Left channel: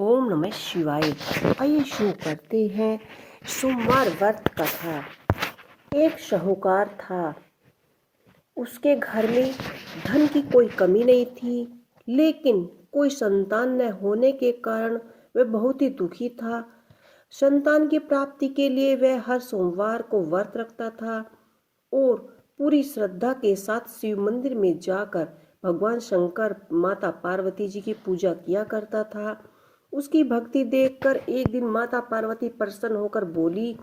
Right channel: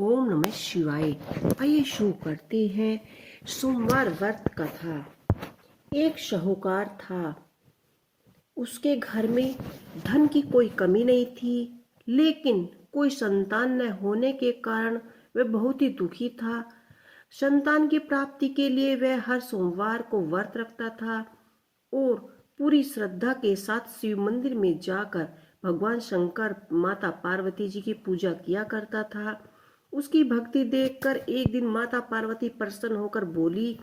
ओम नमः शिवाय। आइए शुरू करते हैं सोमवार व्रत कथा। एक शाहूकार था। उसके घर में धन की कोई कमी नहीं थी, लेकिन कोई संतान न होने के कारण वह बहुत ही दुखी था। संतान की प्राप्ति के लिए वह हर सोमवार को व्रत रखता था और पूरी श्रद्धा के साथ शिव मंदिर में जाकर भगवान शंकर, माता पार्वती जी की पूजा किया करता था। उसकी भक्ति देखकर एक दिन माता पार्वती प्रसन्न होकर बोली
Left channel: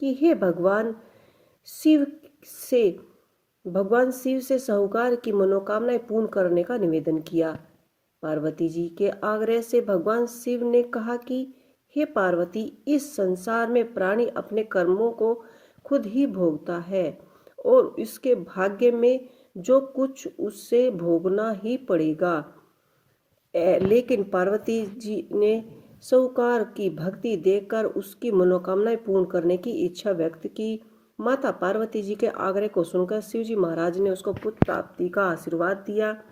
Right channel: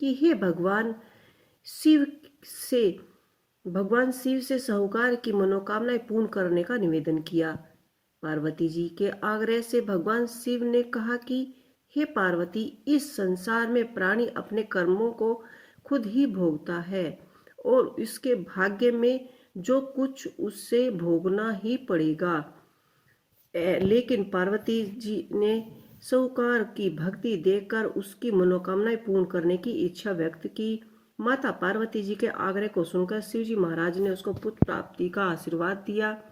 कि हे शिव से भगवान शिव से साहूकार की मनोकामनाएं पूर्ण करने का निवेदन किया। पार्वती जी के आग्रह से भगवान शिव ने कहा कि हे पार्वती, इस संसार में प्राणी अपने कर्मों को खुद ही भोगता है और इसके भाग्य में जो कुछ उससे भोगना ही पड़ेगा। लेकिन पार्वती जी ने साहूकार की भक्ति देखकर उसकी मनोकामनाएं पूर्ण करने की इच्छा व्यक्त की। माता पार्वती जी के आग्रह को सुनकर शिवजी महाराज ने उसको पुत्र प्राप्ति का आशीर्वाद दिया।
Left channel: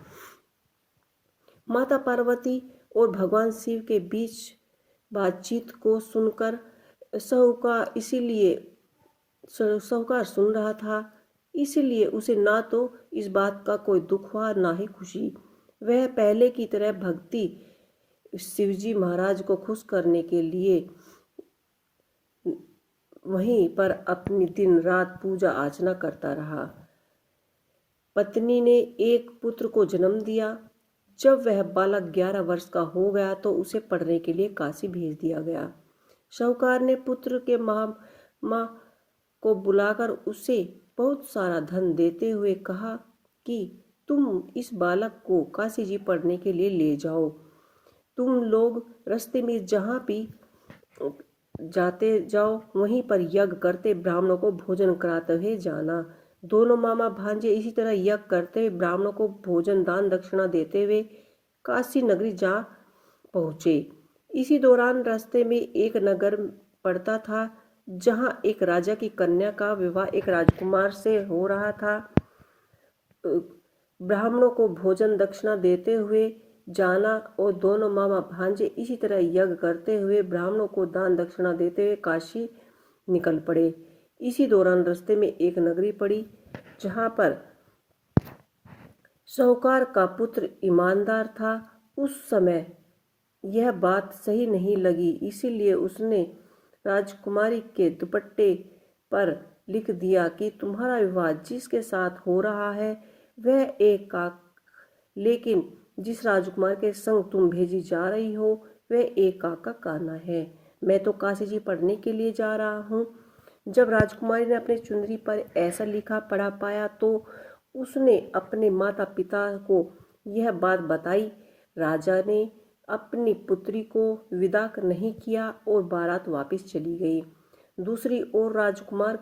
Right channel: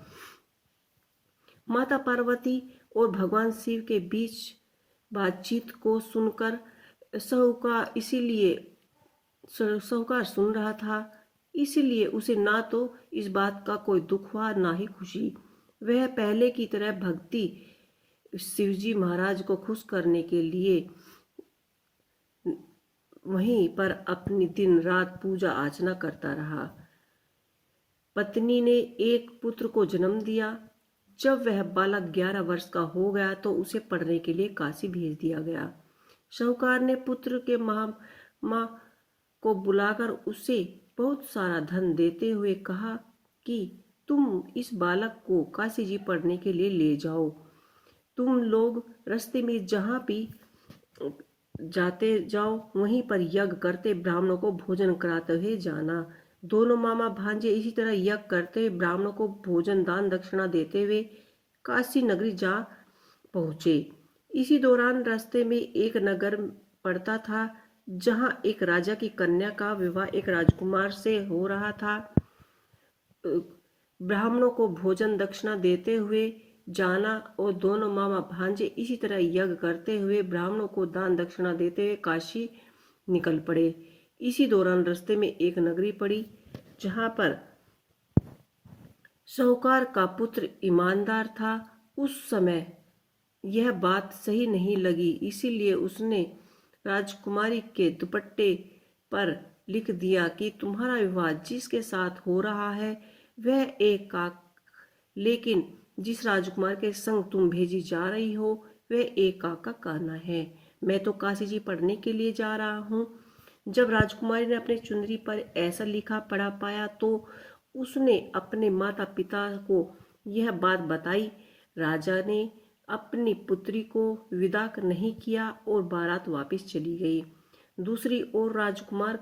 माता पार्वती और भगवान शिव के बीच बातचीत को सुनकर साहूकार सुन रहा था, इसीलिए उसे ना तो इस बात का कोई दुख हुआ ना ही खुशी। वह पहले की तरह भक्ति शिवजी महाराज को खुश करने के लिए वहीं पर अपनी दिन रात पूजा अर्चना करता रहा। पत्नी ने एक पुत्र को जन्म दिया। जब वह बालक 11 वर्ष का हो गया तो उसे पढ़ने के लिए काशी भेज दिया गया। साहूकार ने पुत्र के माँ को बुलाकर उसे बहुत सारा धन देते हुए कहा कि तुम इस बालक को काशी जी पढ़ने के लिए ले जाओ। तुम लोग रास्ते में जहाँ भी जाते जाओ वहीं पर यज्ञ करते ब्राह्मणों को भोजन कराते हुए जाना। दोनों मामा भांजे इसी तरह यज्ञ करते ब्राह्मणों को भोजन दान दक्षिणा देते हुए काशी नगरी जा पहुँचे। इसी दौरान रास्ते में एक नगर पड़ता था जहाँ एक राजा की कन्या का विवाह एक राजकुमार से हो रहा था। ब्राह्मणों को भोजन दक्षिणा देते हुए जाना और दोनों मामा भांजे इसी तरह यज्ञ करते हुए ब्राह्मणों को दान दक्षिणा देते हुए काशी निकल पड़े। इसी दौरान रास्ते में एक नगरी पड़ी जहाँ पर साहूकार का पुत्र ईमानदार था। उस समय यह बात सही नहीं लगी, इसीलिए उसने राजकुमारी के दुपट्टे पर लिख दिया कि तुम्हारा विवाह जिसके साथ हो रहा है वह एक काक, लेकिन जिस राजकुमार के संग तुम भेजी जा रही हो वह एक काका काना है। मैं तो काशी जी पढ़ने के लिए जा रहा हूँ। जब राजकुमारी ने अपने चुनरी पर ऐसा लिखा पढ़ा पाया तो उसने अपने माता पिता को यह बात बताई। राजा ने अपनी पुत्री को विदा नहीं किया और बारात वापस चली गई। दूसरी ओर राजकुमार,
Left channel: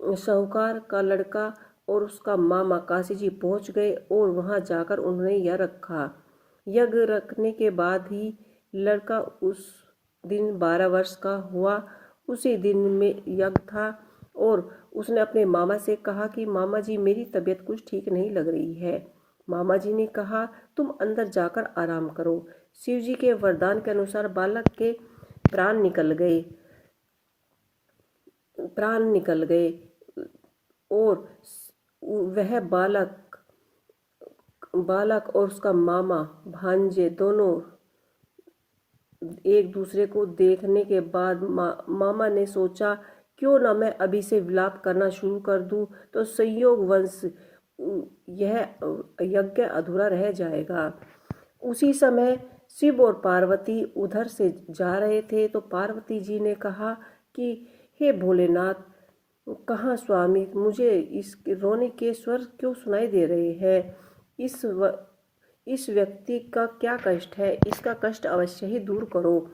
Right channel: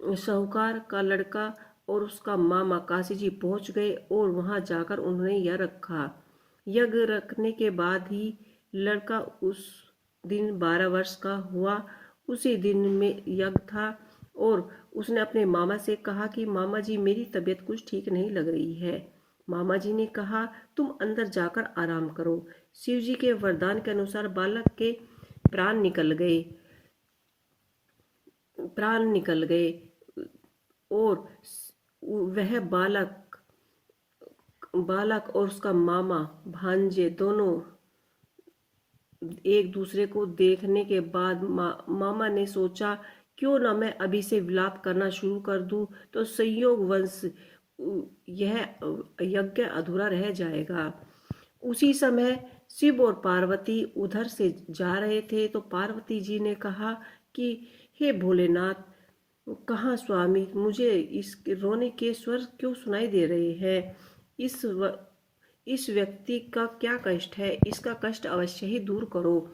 साहूकार का लड़का और उसका मामा काशी जी पहुँच गए और वहाँ जाकर उन्होंने यह रखा। यज्ञ रखने के बाद ही लड़का उस दिन 12 वर्ष का हुआ। उसी दिन में यज्ञ था और उसने अपने मामा से कहा कि मामा जी, मेरी तबीयत कुछ ठीक नहीं लग रही है। मामा जी ने कहा तुम अंदर जाकर आराम करो। शिव जी के वरदान के अनुसार बालक के प्राण निकल गए और वह बालक और उसका मामा भांजे दोनों एक दूसरे को देखने के बाद मामा ने सोचा क्यों ना मैं अभी से विलाप करना शुरू कर दूं तो संयोग वंश यह यज्ञ अधूरा रह जाएगा। उसी समय शिव और पार्वती उधर से जा रहे थे तो पार्वती जी ने कहा कि हे भोलेनाथ, कहाँ स्वामी, मुझे इस रोने के स्वर क्यों सुनाई दे रहे हैं। इस व्यक्ति का क्या कष्ट है, इसका कष्ट अवश्य ही दूर करो।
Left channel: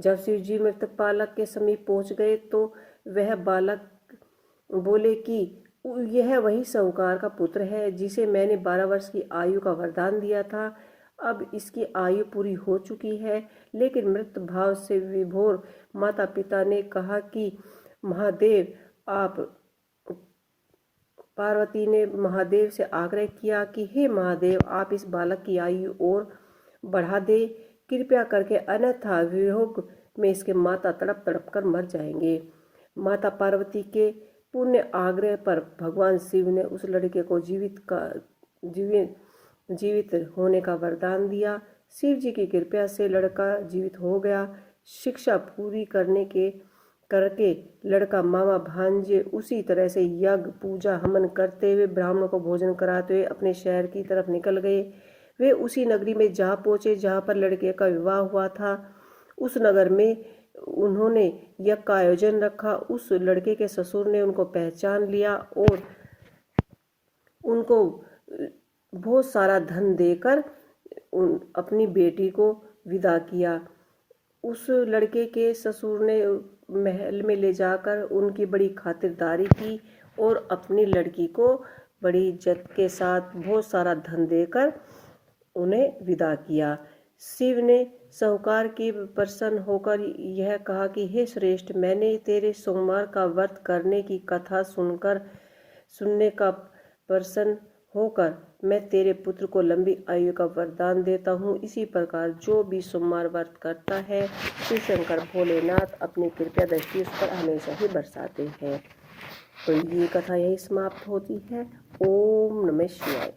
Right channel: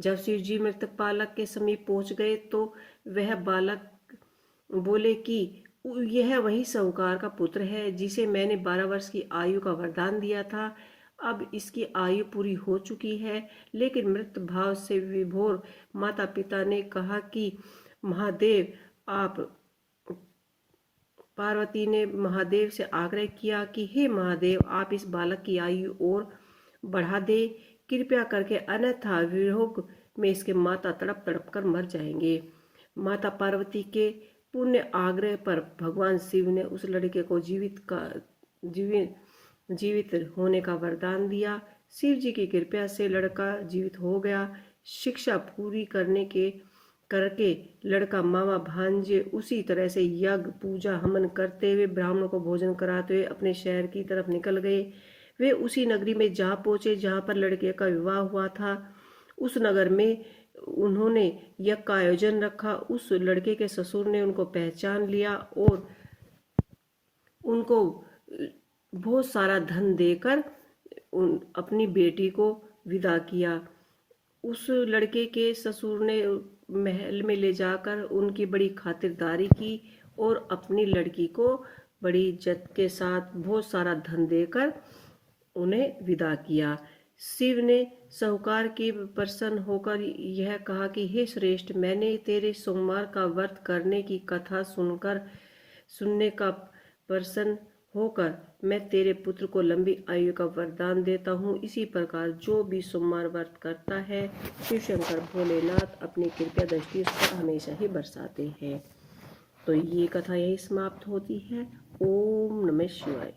जब शिव जी मृतक बालक के समीप पहुंच गए तो वह बालक बोले कि यह वही साहूकार का पुत्र है जिसे मैंने 12 वर्ष की आयु का वरदान दिया था। अब इसकी आयु पूरी हो चुकी है, लेकिन मृत भाव से विभोर माता पिता ने कहा कि महादेव आप पार्वती ने महादेव से आग्रह किया कि हे महादेव, आप इस बालक की आयु और बढ़ा दे कृपया करके, अन्यथा वियोग में इसके माता तड़प तड़प कर मर जाएंगे। माता पार्वती के पुण्य आग्रह पर भगवान शिव ने उस लड़के को जीवित होने का वरदान दिया। शिव जी की कृपा से लड़का जीवित हो गया। शिक्षा पूरी करके लड़का मामा भांजे उसी तरह से यज्ञ पूजा हवन करते हुए ब्राह्मणों को भोजन कराते हुए अपने शहर की तरफ निकल गए। वे उसी नगरी में जा पहुंचे जहां पर लड़के का विवाह हुआ था। उस नगर में उन्होंने यज्ञ का आयोजन रखा। उस लड़के के ससुर ने उनको पहचान लिया और उनको बहुत सारा धन देकर अपनी बेटी को विदा किया। उस लड़के के ससुर ने महल में ले जाकर उनकी बड़ी खातिरदारी की और अपनी लड़की को बड़ी इज्जत के साथ बहुत सारा धन देकर उन्हें विदा किया। शिव ने साहूकार की प्रसन्न होकर यह कहा कि हे श्रेष्ठ, मैंने तेरे सोमवार का व्रत करने की कथा सुनने का प्रसन्न होकर मैं तेरे पुत्र को लंबी आयु का वरदान देता हूँ। इसी प्रकार जो भी सोमवार व्रत करता है, शिव शंकर भोलेनाथ अपनी कृपा दृष्टि उस पर हमेशा ही बरसाते हैं। तो ये कथा यही समाप्त होती है। ओम नमः शिवाय।